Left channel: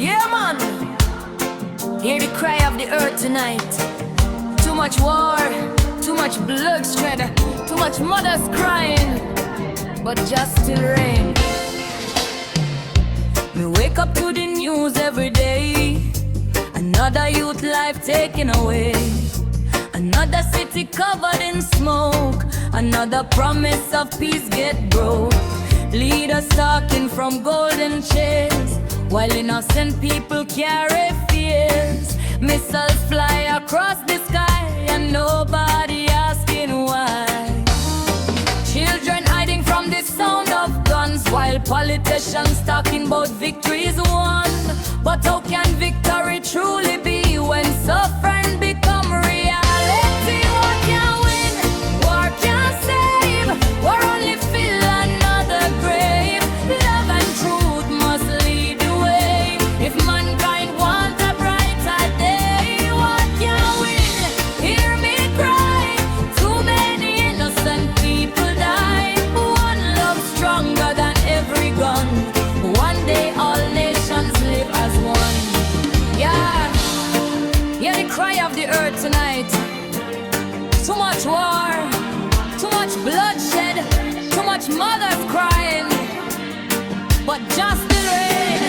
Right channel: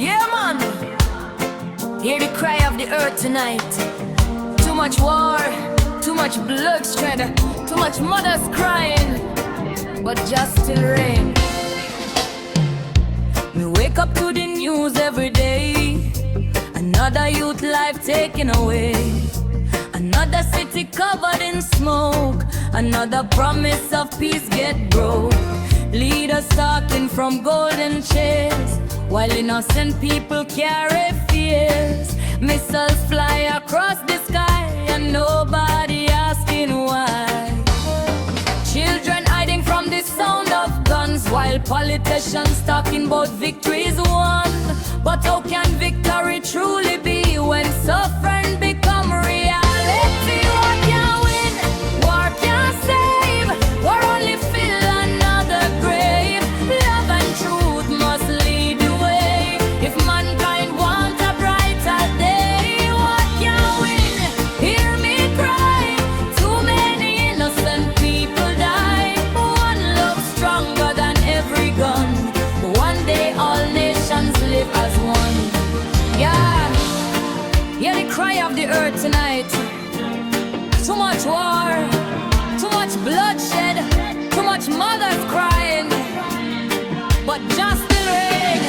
Yeah, man. Hear the cry of the earth tonight. Too much war, too much bloodshed, too much mothers crying, but just still rain. We wake up to the news every day. Another youth life taken away. Another city covered in smoke. Another promise of peace get broke. Leaders talking from golden chairs, while innocent people carry fears. Missiles fly across the sky and nobody asking why. Children hiding from the sound of guns, while politicians talking about victory is won. But how can victory truly be when suffering become reality? War can't win, war can't save, war only fill another grave. Love and truth must lead the way if mankind want a brighter day. War can't win, hear me cry, too many innocent people die. One love stronger than every gun. One day all nations live as one. Yeah, hear the cry of the earth tonight. Too much war, too much bloodshed, too much mothers crying, but just still rain.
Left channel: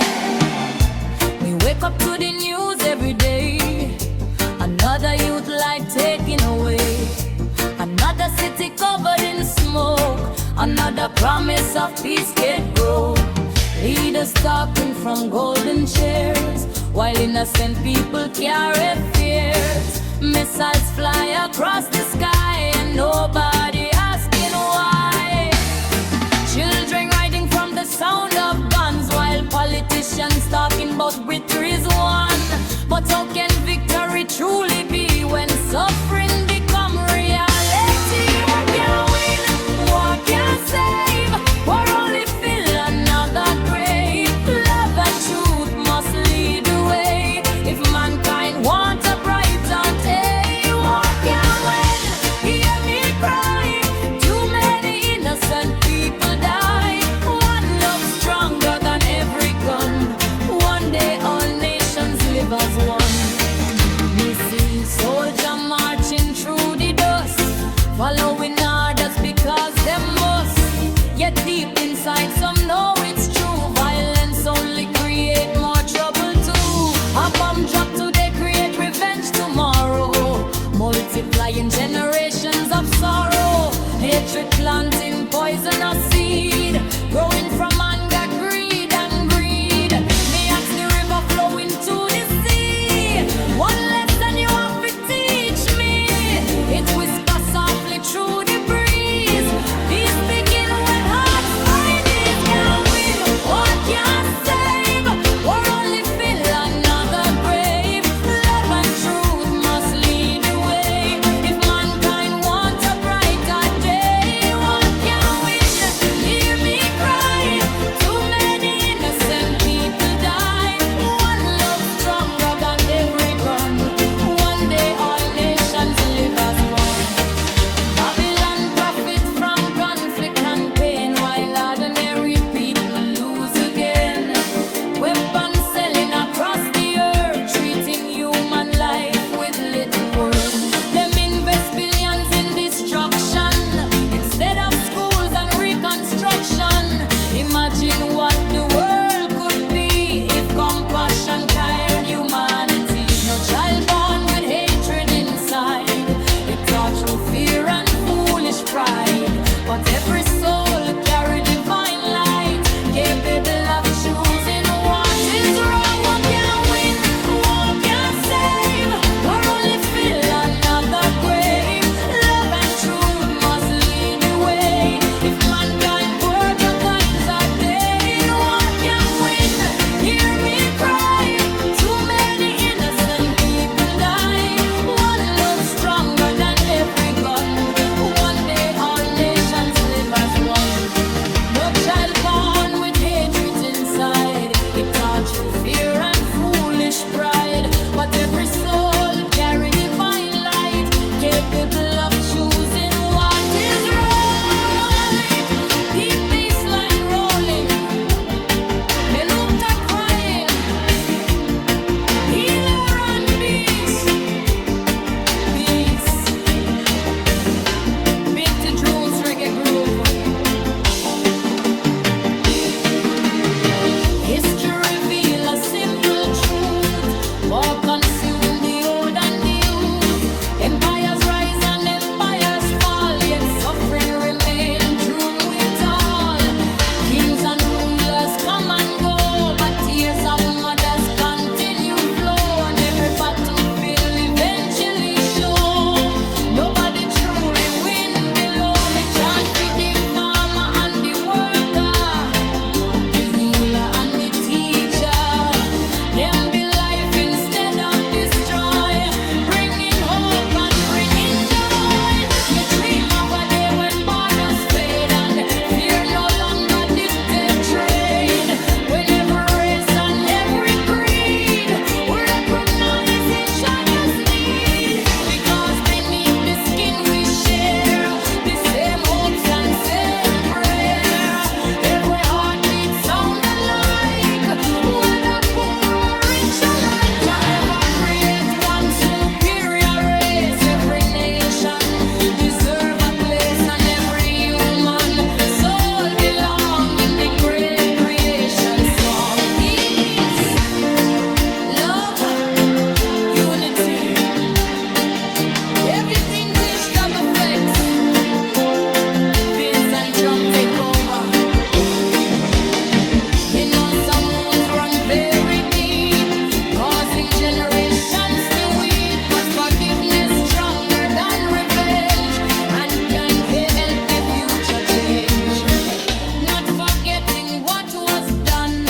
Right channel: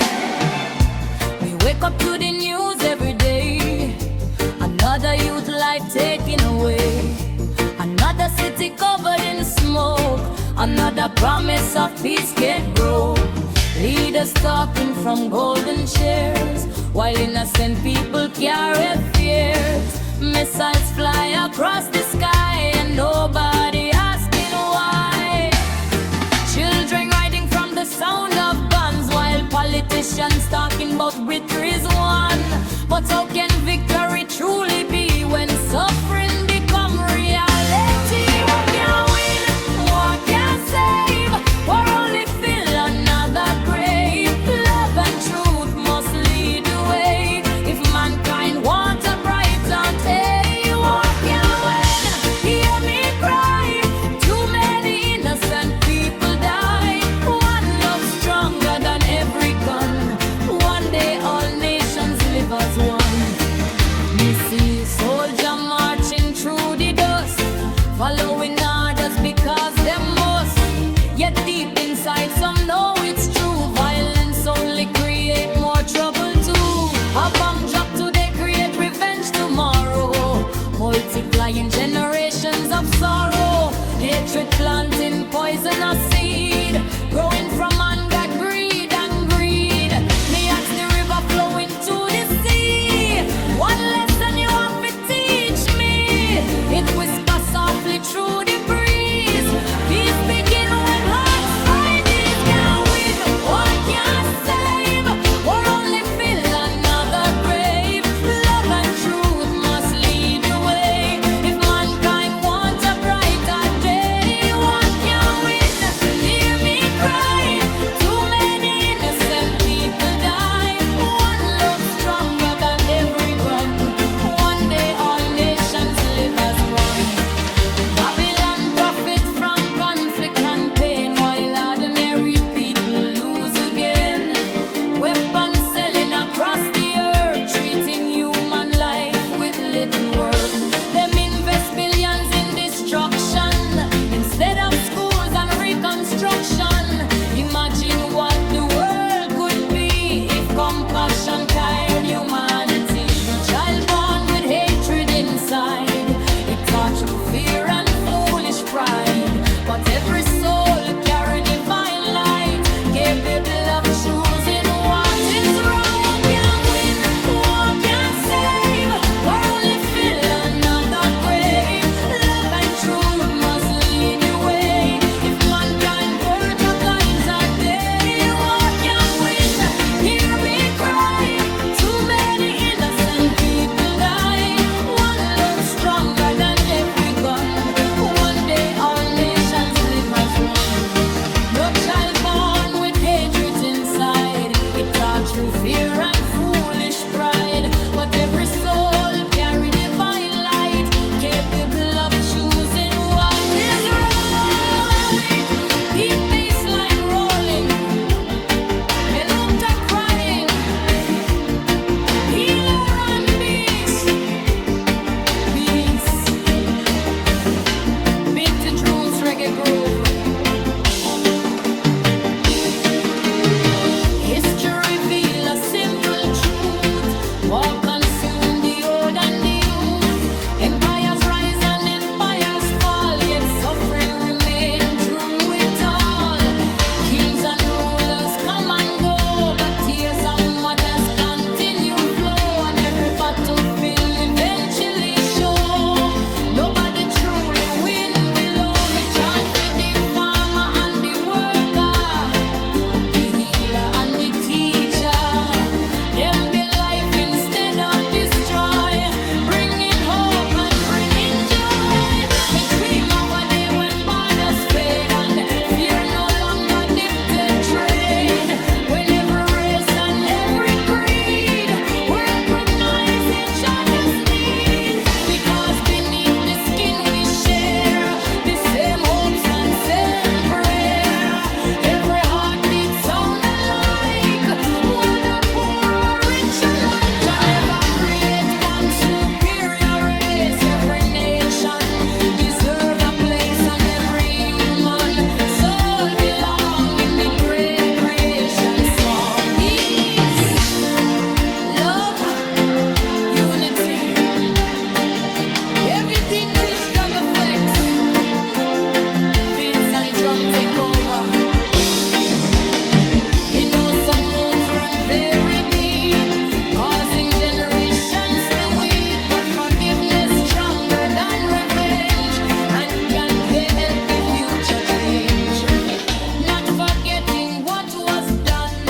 We wake up to the news every day. Another youth life taken away. Another city covered in smoke. Another promise of peace get broke. Leaders talking from golden chairs, while innocent people carry fears. Missiles fly across the sky and nobody asking why. Children riding from the sound of guns, while politicians talking about victory is won. But how can victory truly be when suffering become reality? War can't win, war can't save, war only fill another grave. Love and truth must lead the way if mankind wants a brighter day. War can't win, hear me cry, too many innocent people die. One love stronger than every gun. One day all nations live as one. Me see soldier marching through the dust, following orders because them must. Yet deep inside some know it's true. Violence only create more trouble too. A bomb drop today create revenge tomorrow, multiplying generations of sorrow. Hatred planting poisonous seed, growing from anger, greed and greed. Me ask the river flowing to the sea, one lesson you have to teach me. It whispers softly through the breeze. Peace begin when hearts find it. Can't win, war can't save, war only fill another grave. Love and truth must lead the way if mankind wants a brighter day. War can't win, hear me cry, too many innocent people die. One love stronger than every gun. One day all nations live as one. Babylon profits from conflict and pain, while ordinary people lose again. Weapons selling across the earth, treating human life with little worth. Them invest billions in destruction instead of schools and reconstruction. Imagine what the world could be if compassion carried humanity. No child born with hatred inside, it taught through fear and foolish pride. But every soul carry divine light, capable of choosing what is wrong. War can't win, war can't save, war only fill another grave. Love and truth must lead the way if mankind were the kinds of day. War can't win, hear me cry, too many innocent people die. One love stronger than every gun. One day all nations live as one. No child born with hatred inside, it taught through fear and foolish pride. But every soul carry divine light, capable of choosing what is right. Deep bass line rolling, me looked at crying, heritage roots reggae groove. History reveal a simple truth. War consume the old and the youth. Empires rise and empires fall, yet suffering remain through it all. Kings and rulers come and go, but tears of mothers continue flow. And every battlefield eventually show nobody truly win below. Me chant for the farmer and the worker, the healer and the teacher. Them be life instead of destroy, bringing hope and bringing joy. Me dream of a day when borders fade and fear no longer dictate trade. When every race and every creed we recognize each other's need, because beneath the skin we share the same hopes and same prayer. Every heartbeat sound alike, whether poor or rich alike. Jah never create one superior race. Every nation deserve a place, and every human soul belong in the great creation song. Peace, love, unity. Everything pitch double effects. Vince and drum take over. Me know some wounds run very deep, causing generations to weep. But forgiveness stronger than revenge, and can help the future change. Not forgetting what was done,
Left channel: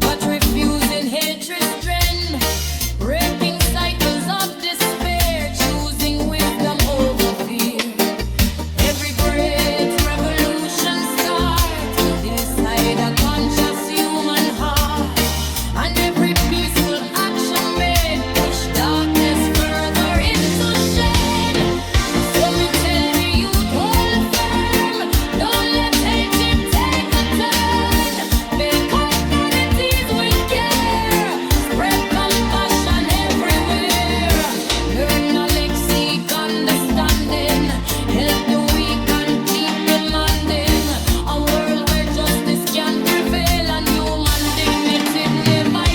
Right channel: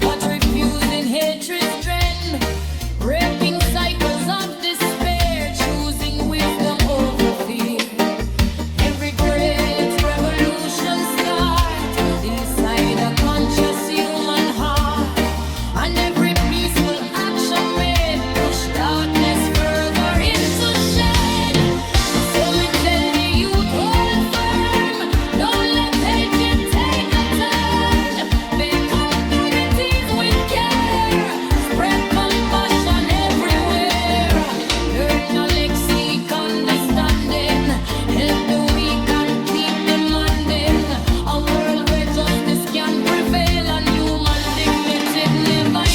but refusing hatred's trend. Breaking cycles of despair, choosing wisdom over fear. Every great revolution starts inside a conscious human heart, and every peaceful action made push darkness further into shade. So me tell the youth, hold firm, don't let hatred take a turn. Build communities with care, spread compassion everywhere. Learn knowledge, seek understanding, help the weak and keep demanding. A world where justice can prevail and human dignity never